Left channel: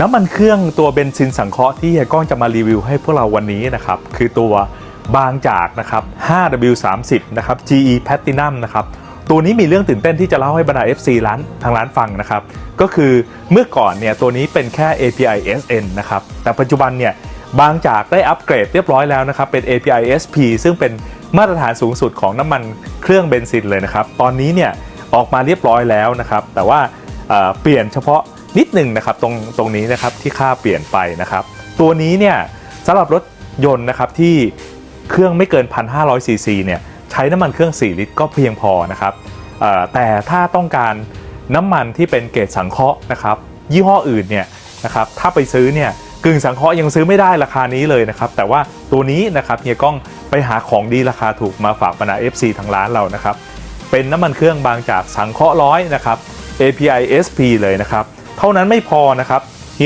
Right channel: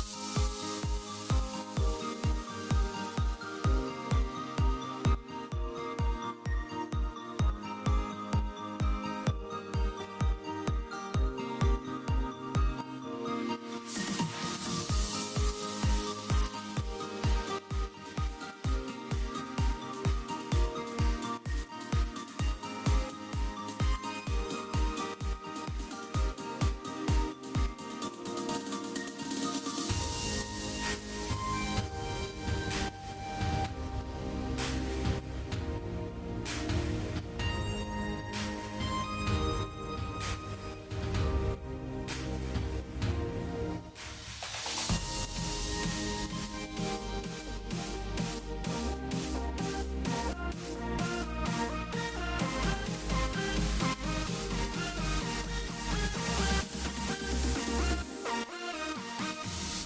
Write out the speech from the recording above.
น้ำมันเครื่องตัวเบนซินสังเคราะห์ที่เฮียก้องจะมารีวิวให้พวกเราวันนี้นะครับคือตัวบางจากนะครับ 5W30 นะครับ GE Platinum นะครับตัวนี้มีเรื่องตื่นเต้นที่จะเล่าให้บรรดา FC ร้านทางร้านฟังนะครับ ก็คือเมื่อก่อนเนี่ยตัวนี้เป็นแค่ API SN นะครับ แต่ปัจจุบันเนี่ยบางจากได้อัปเกรดเรียบร้อยแล้วนะครับ เป็น API SP ซึ่งเป็นมาตรฐานสูงสุดของน้ำมันเครื่องเบนซินเลยนะครับ ตอนนี้เนี่ยออกมาเรียบร้อยแล้วนะครับ แต่ว่า เปลี่ยนเฉพาะนิดหนึ่งนะครับตรงตรงนี้นะครับที่ค่าเปลี่ยนไปนะครับ ตัวนี้เนี่ยสำหรับรถยนต์นะครับที่เครื่องไม่เกิน 1,500ซีซีเนี่ยใช้น้ำมันเครื่อง 4 ลิตรก็เพียงพอนะครับแต่ถ้าต้องการน้ำมันที่เป็นเกรดสังเคราะห์นะครับ ยี่ห้ออื่นเนี่ยนะครับถ้าไปซื้อเนี่ยกึ่งสังเคราะห์ยังซื้อไม่ได้ราคานี้เลยนะครับ แต่ว่าตัวนี้นะครับเฮียก้องไปหาของดีราคาถูกมาฝากบรรดา FC ทางร้านเรานะครับ เป็นน้ำมันเครื่องบางจากสังเคราะห์ร้อยนะครับ API SP เลยนะครับ เท่านั้นไม่พอนะครับ